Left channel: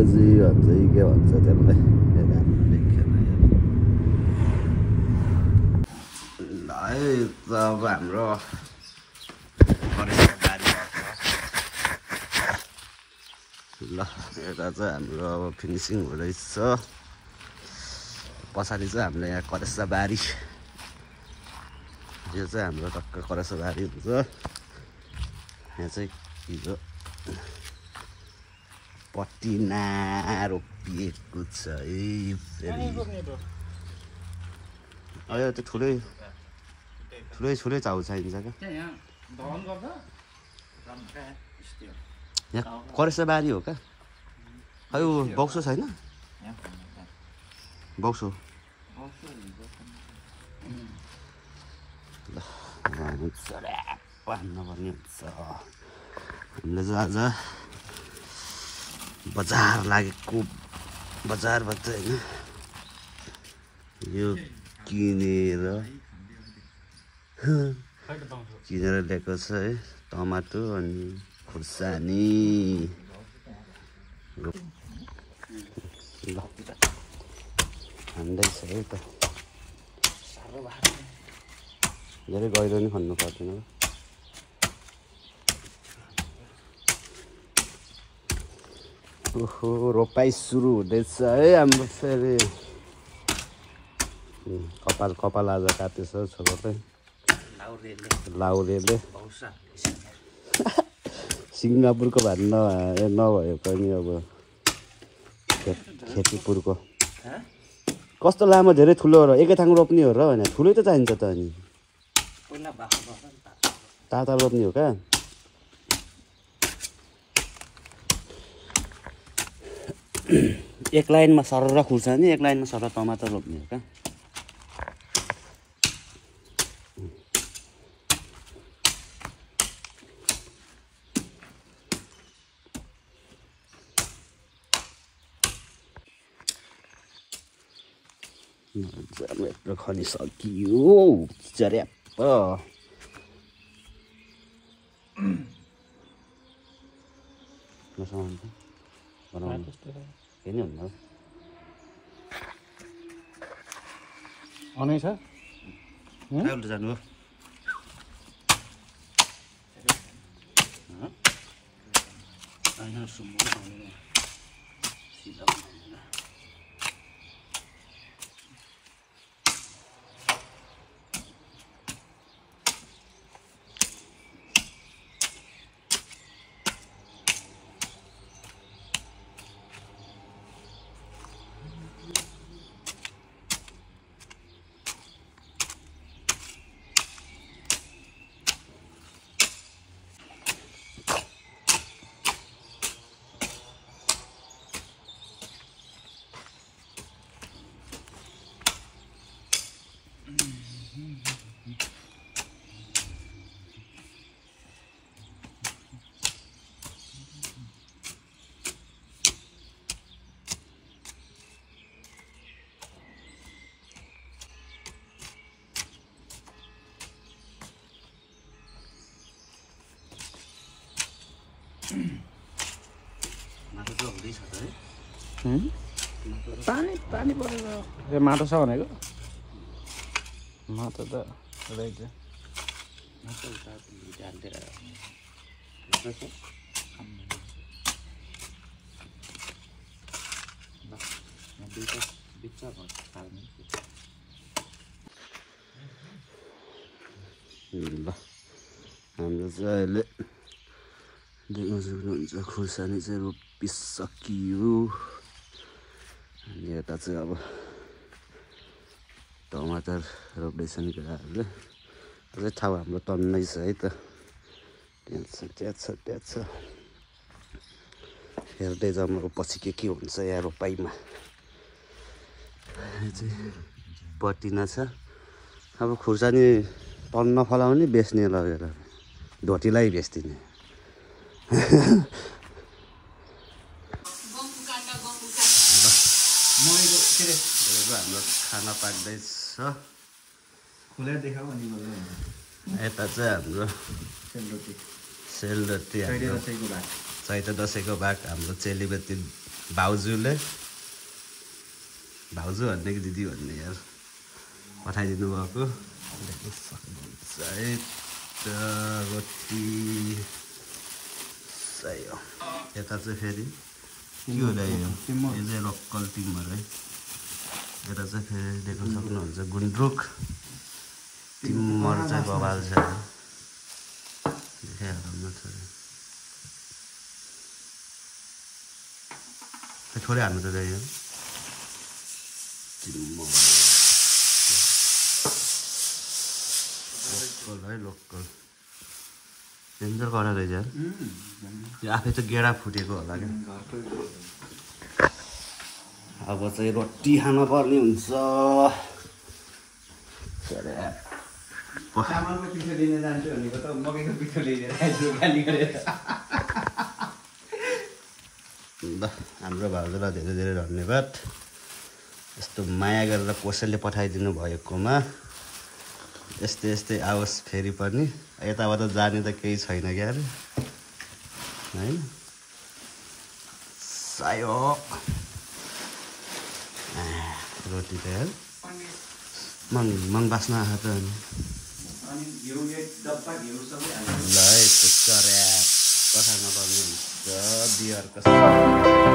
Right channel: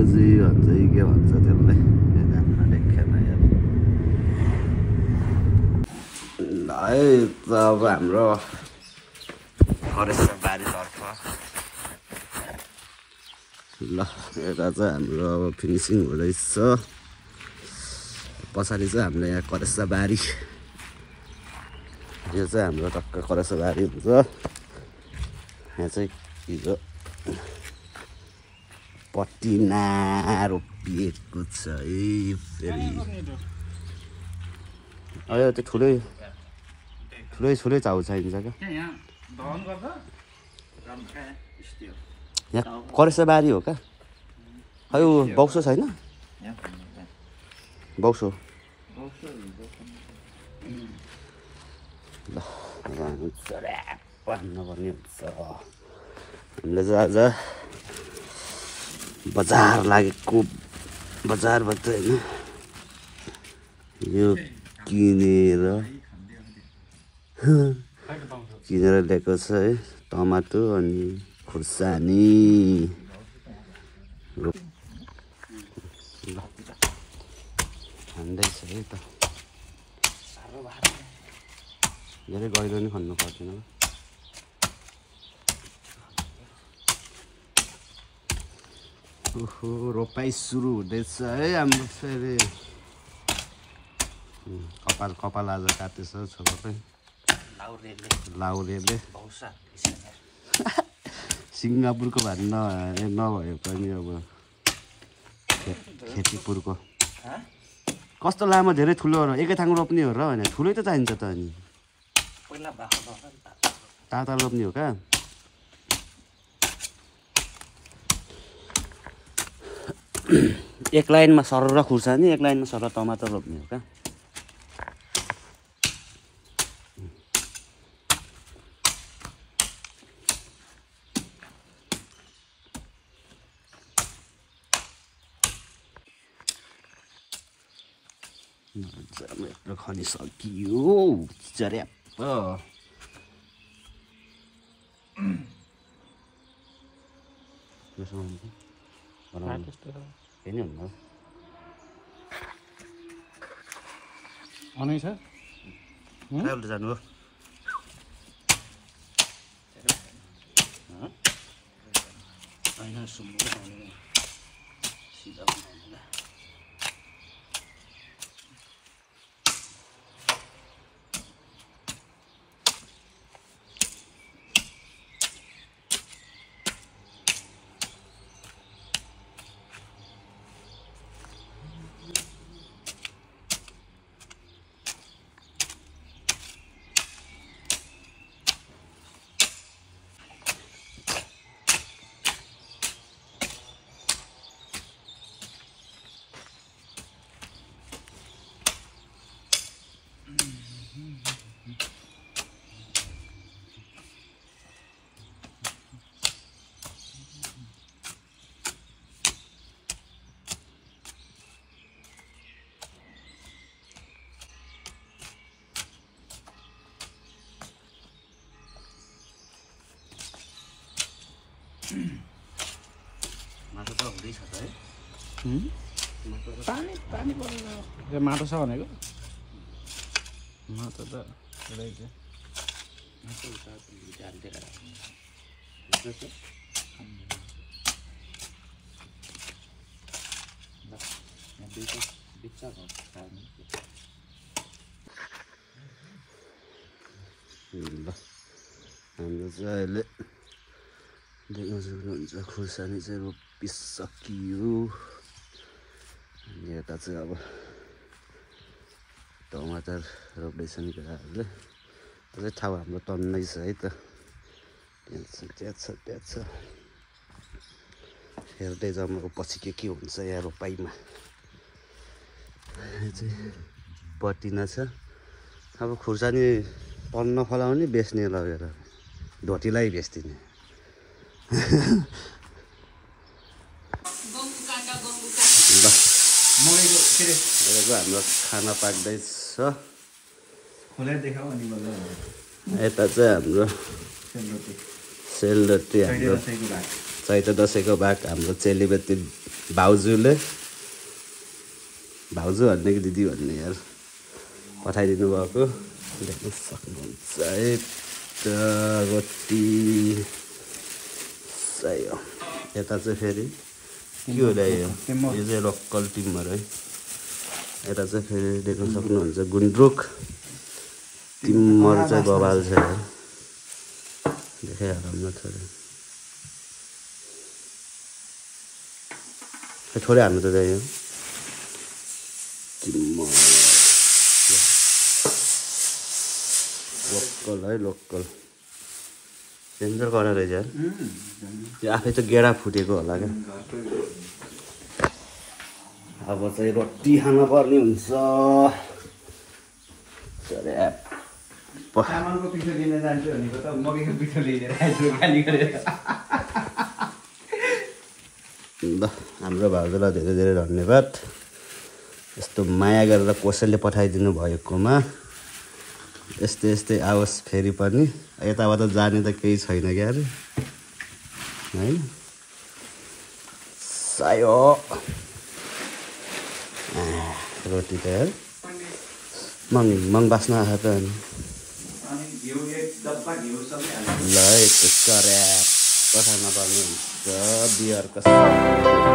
अङ्ग्रेजी भन्छ कि के भन्छ त्यसलाई ल है त अब हाम्रो फरेस्ट बारी ल यता चाहिँ हाम्रो अब फिनिसिङ हुँदैछ पछाडि चाहिँ हाम्रो यहाँ करेसा बारी यो चाहिँ हाम्रो टक्क करेसा बारी हुन्छ यहाँ चाहिँ हिजो पटिना रोपिएको छ है फेरि यो त्यो ठुलै चाउ चाहिन्छ क्या यहाँ करेसा बारी हो क्या खै ऊ बक्सो छैन बक्सो ल भन्नुपर्ने हुन्छ हामीले चाहिँ आज बजार लागेको बजारबाट होइन यो किनेर ल्याएको छ है टमाटो अनि खुर्सानी ल खाँदैछ है त धेरै गहिरो नि खन्नु पर्दैन ओहो रोपाइ सुरु हुँदैछ है हाम्रो फेरि कपाल आज काटेछ छोराले लाउरेले सिङ्गापुरको भात नभए पनि अब खेतीपुरको कस्तो लामो धेरै ठुलो र एकै ठाउँ रोप्ने हो र होइन ठुलै त चाहिन्छ त अनि ताता रोप्ने हो क्या एक लाइनमा सरर खुर्सानी एक लाइनमा सरर टमाटर रोप्ने हो क्या जमेटो खनिसकियो चर्याप्प अनै छ जानु होइन सुम्बु सिधा माटो त हुँदैछ त है पानी ए माटो छ भनेको माटो त रहेछ माटो त ध्यानतिर बिच्चा ल हाम्रो चाहिँ अहिले देख्न सक्नुहुन्छ खुर्सानी चाहिँ रोपिसकियो अनि यता चाहिँ अब टमाटर रोप्दैछन् केटाहरूले त्यो चाहिँ ठाउँ हाम्रो टन्नै छ है त त्यहाँ छ हेर्दै जाउँ अब पछि के हुन्छ यहाँ रोपाइमा यो चाहिँ पटिना छ अब खुर्सानी टन नफलाउने बेच्ने लगेर ढोटीलाई बेच्दिने हाम्रो खाना पाक्दैछ यता चाहिँ हाम्रो सेलरोटी हाम्रो चैते दसैँको भाग हाम्रो चेलीबेटी भाउजूले भाउजू भन्ने कि दिदी भन्ने यार पठाइदिनु भएको देख्न सक्नुहुन्छ है रोटी चाहियो यता चाहिँ फेरि के होला यो चाहिँ लोकल टिमहरू है यता चाहिँ फेरि देख्न सक्नुहुन्छ गुन्द्रुक टिमर चाहिँ बबाल छ देखाइहाल्नु थोरै थोरै हाल्नु त यो टिमर लोकल है लोकल डेन्जर गरेर रहेछ यार यो आफै त गेडा फुटेको होला क्या अब चाहिँ रोटी खान पर्ने हुन्छ ल हाम्रो भाउजूलाई धेरै धेरै धन्यवाद यस्तो माया गरेर कसैले पठाइदिनु भएकोमा यस्तै यस्तै आओस् फेरि पनि यताबाट जाने त केही छैन क्या अरे होइन सायो रोटी त यार मङ बास्न आएको त अनि ल यस्तो चर्या कथा नपर्ने हुन्छ बियरको